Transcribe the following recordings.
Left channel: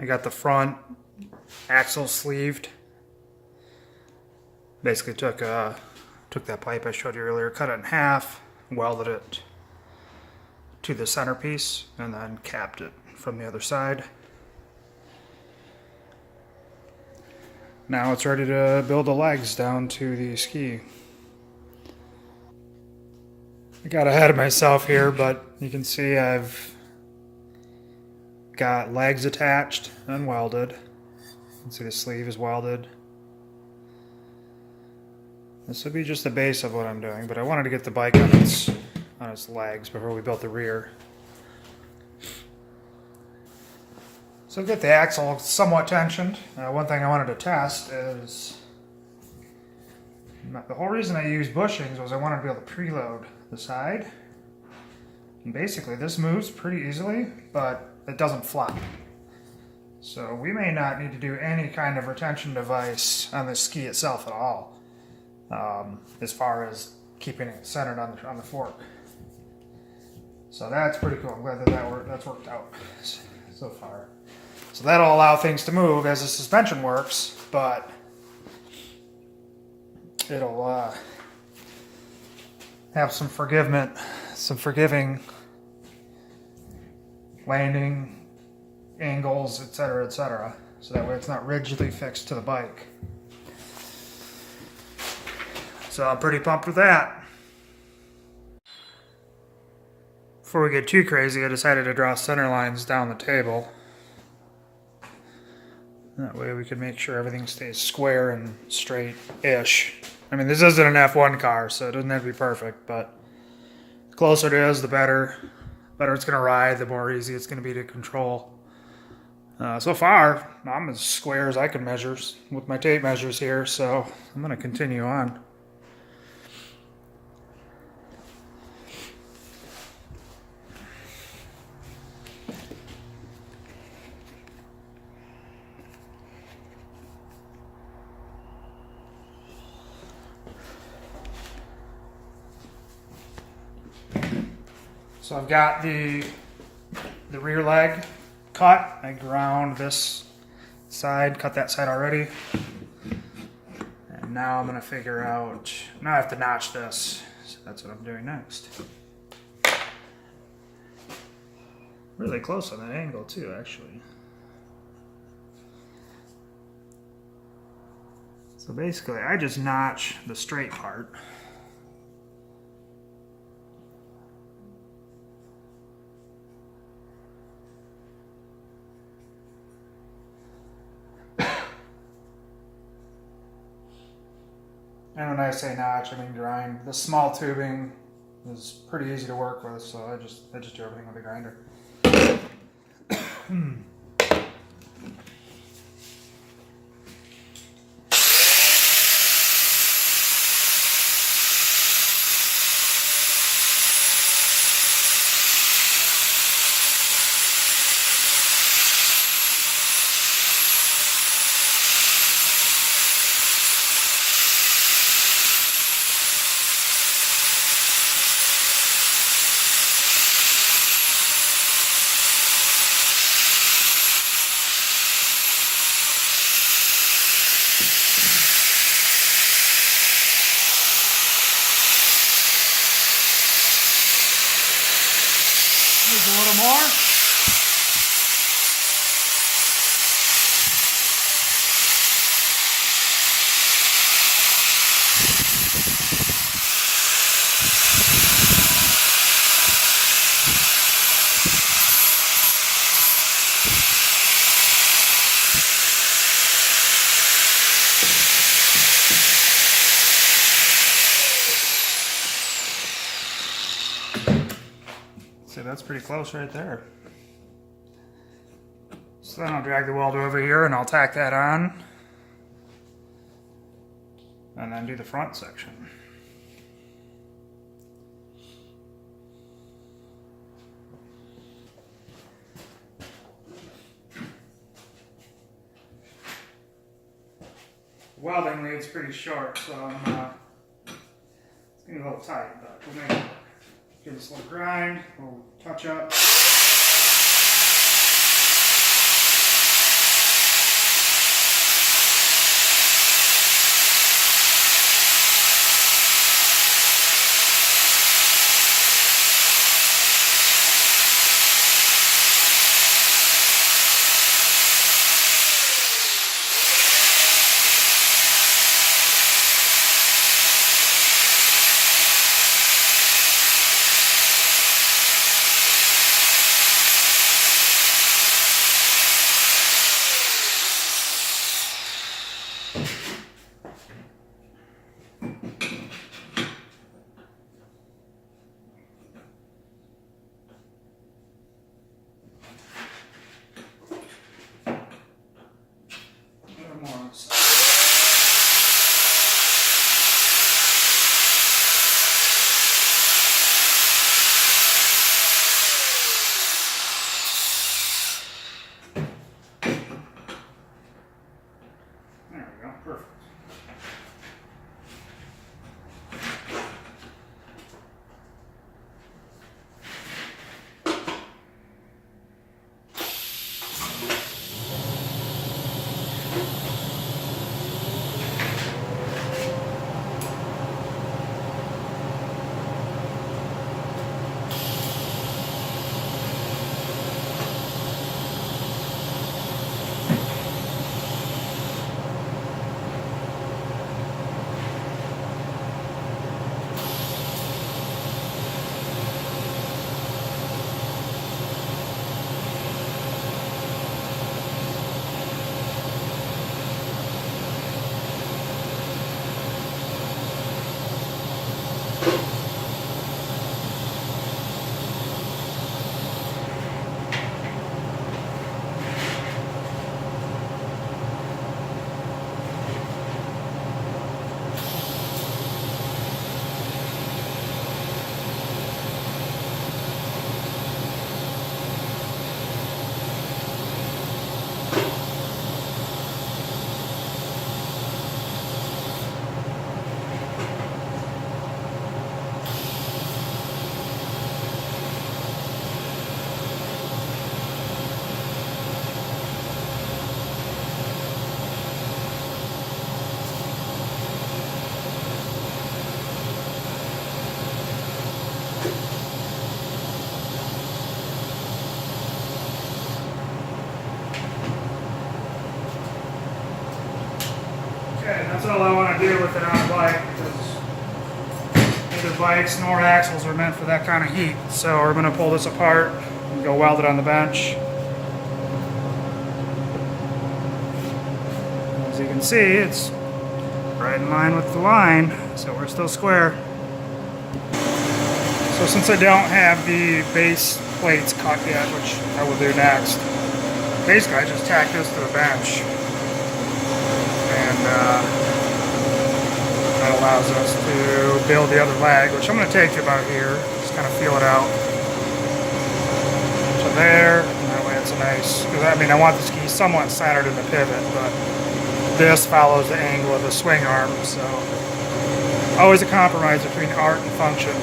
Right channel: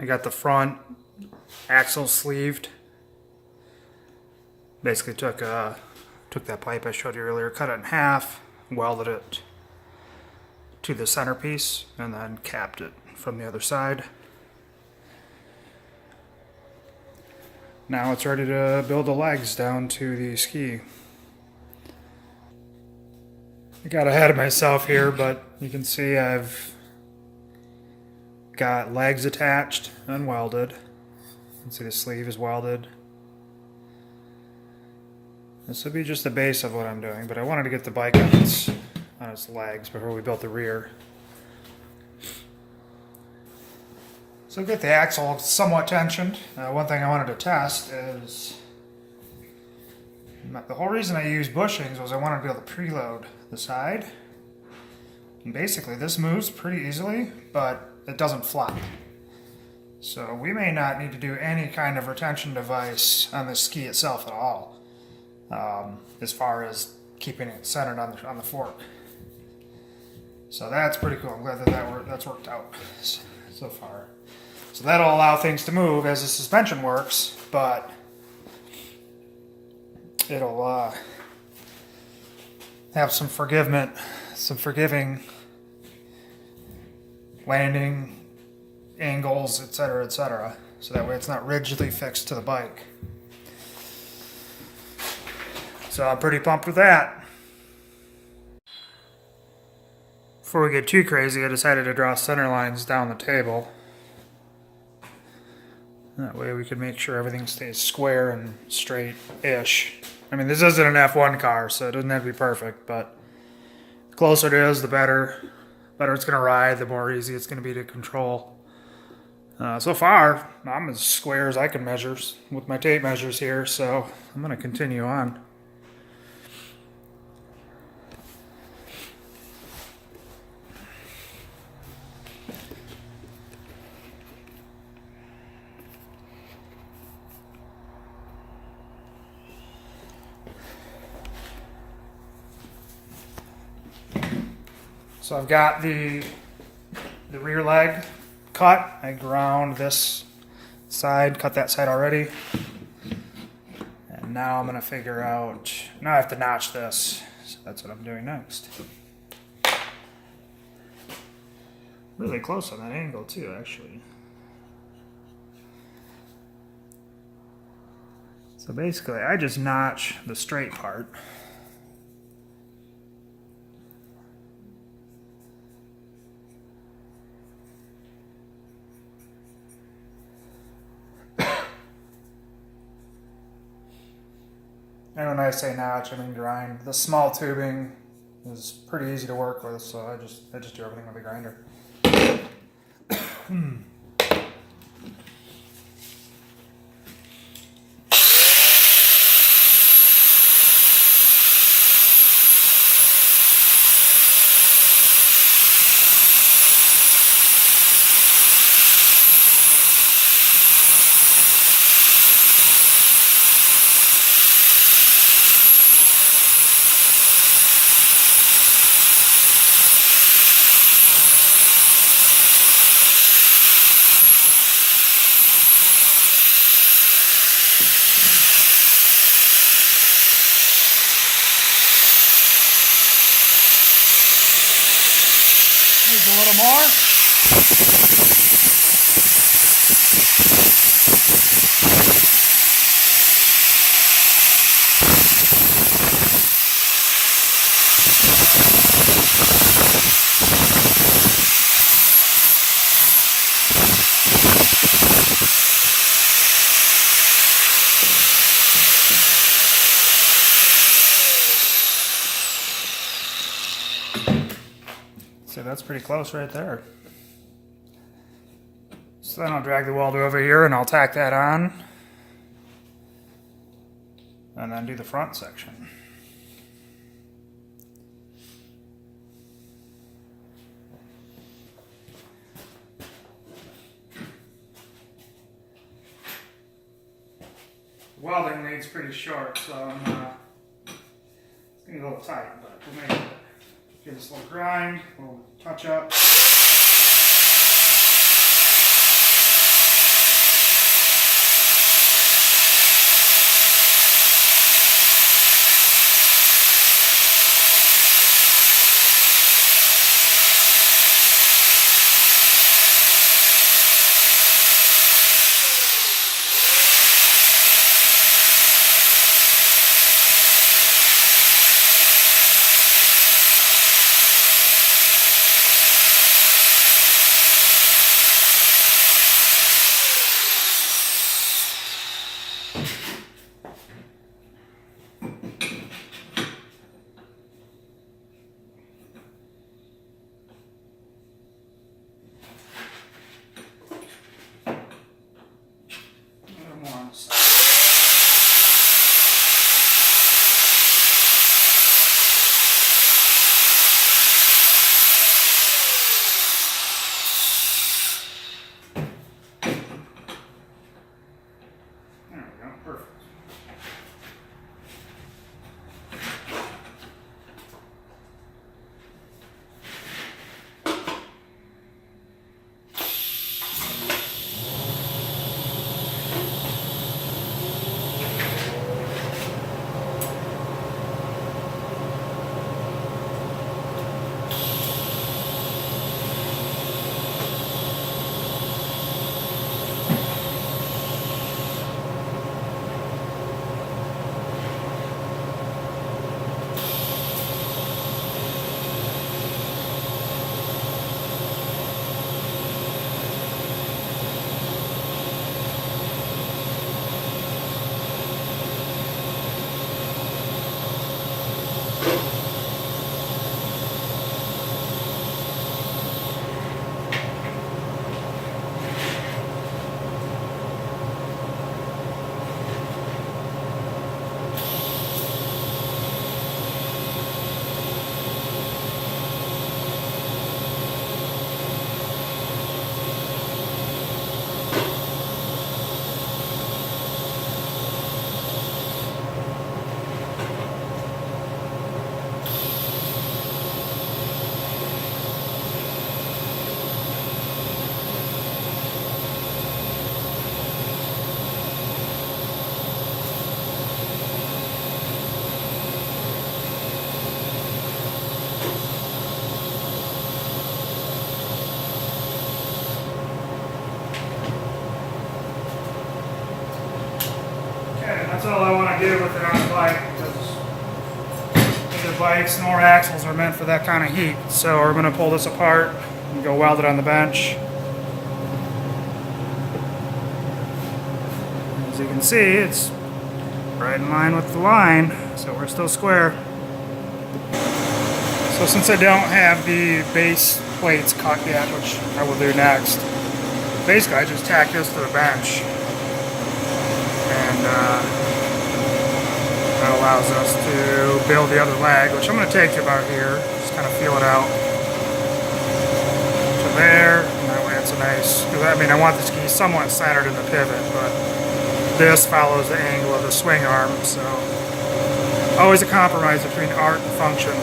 I got the front axle sleeved. Basically took that pipe I showed you earlier, cut it in half, welded it to the centerpiece, and then capped it from the other side. Now it's ready to build the legs down to the ski. I got ahead of myself here, but you can see I've got legs attached and welded. You can see the sleeve is welded. This would be just the base of what I'm doing, but I wanted to get the bike on its legs before we built the rear. So I've got the axle somewhat tensioned. One thing I wanted to test is, the whole reason I used bushings was I wanted to be able to preload the side. And basically this moves pretty easily, but it doesn't flop. So we may not need to do any kind of retention device on the ski itself at all, as far as keeping it centered on the fork. So that's pretty cool. I'm glad that's worked out so far. So that'll allow things to move as the suspension works, but it'll have some forgiving landing angles, etc., etc. So that way it's not rigidly fixed to the bike. So I'm pretty pumped with that. Before we get too crazy, I decided to draw center lines down the table. That way we can make sure everything stays square and straight-ish. I mean, this isn't an F1 car, so it doesn't have to be perfect, but the closer it is, the better. The better it's going to ride, the more easy it's going to be to control. So far, I'm as square as I can measure with my tape measures here, so I'm going to continue on. So I've got the rear leg cut. I ground this side, cut that side already. And now I'm going to figure out, now I have to notch this. So that's what I'm doing next. Really close on that angle too, actually. So basically I just notch the straight part. And when I say notch, I mean grind. The small tubing is pretty easy to work with, so I just do everything with a grinder. Needs a little more. So that's pretty close right there. So then I'll drag the welder over here and I'll tack that on. And then do the front section. The welding lead's pretty short, so it's getting a little tight, but we'll make it. Give this a little grind, a little touch up. to do with it on the bike, because neither bikes nor axles are meant for that kind of heat. So we're going to pull this apart and go weld it on the bench. As you can see, it's right in line with the line, so we're still square. So since I don't have the base plates cut yet, which I will do next, basically I just tack this to the bench, and that allows us to build the other leg, which I'm going to take to about here, just kind of feel it out. So there, and that way it's a nice, because I mean I want the ski somewhat centered in the pivot, but this follows the angle of the swing arm, so always a compromise between art and function.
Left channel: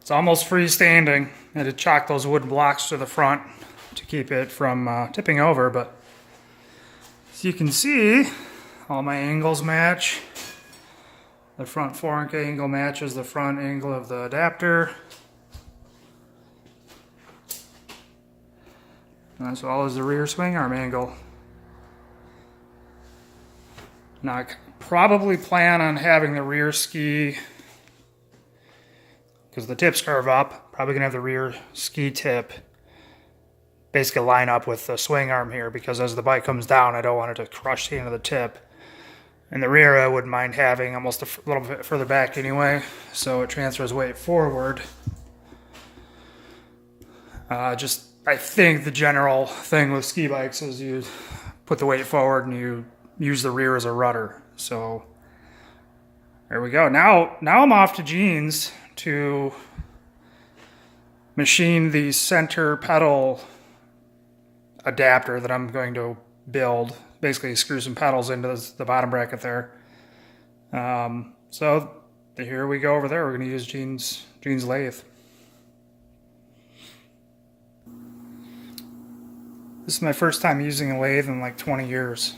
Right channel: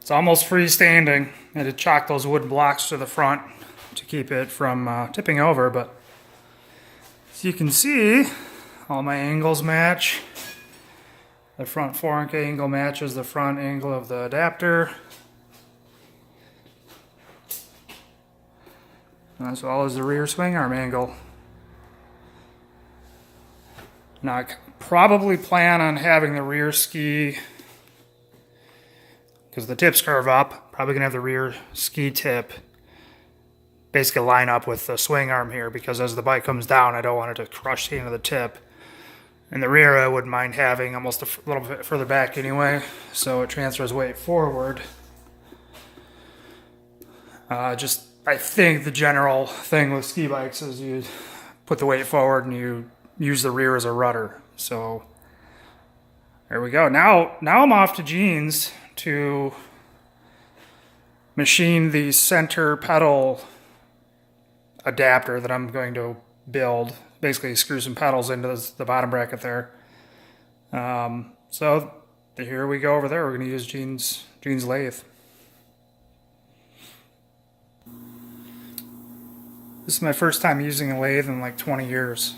It's almost freestanding. I had to chalk those wooden blocks to the front to keep it from tipping over, but as you can see, all my angles match. The front fork angle matches the front angle of the adapter, as well as the rear swing arm angle. Now I probably plan on having the rear ski, because the tips curve up, probably gonna have the rear ski tip basically line up with the swing arm here, because as the bike comes down, I don't want it to crush the end of the tip. In the rear, I wouldn't mind having almost a little bit further back anyway, so it transfers weight forward. I think the general thing with ski bikes is you put the weight forward and you use the rear as a rudder. So there we go. Now I'm off to Jeans to machine the center pedal adapter that I'm going to build. Basically screw some pedals into the bottom bracket there. So here we go over there. We're going to use Jeans lathe. This is my first time using a lathe in like 20 years.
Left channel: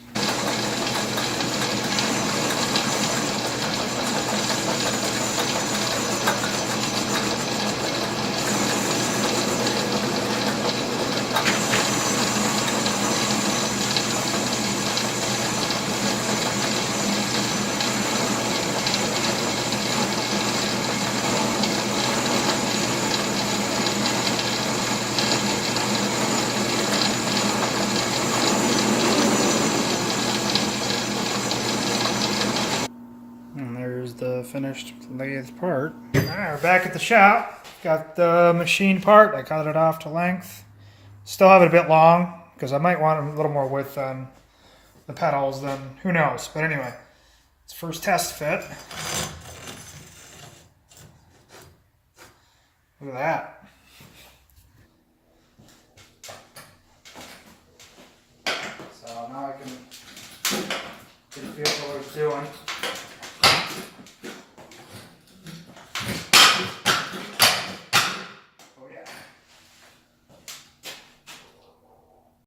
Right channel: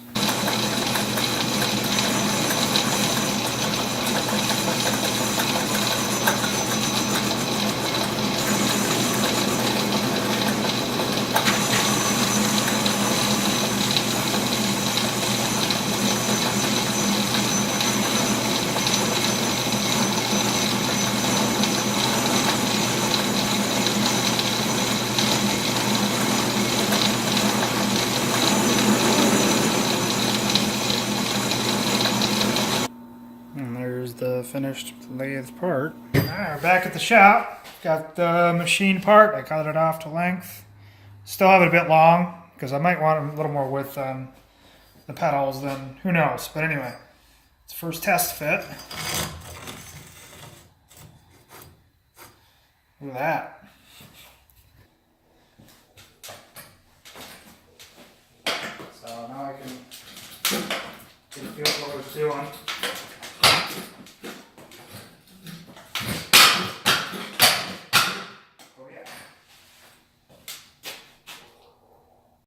finished lathe part. Alright, we're back at the shop. Got the machine part. I cut it off to length. Still have it a bit long because I might want a little more width on the pedals than who knows. But anyway, it's first test fit. Look at that.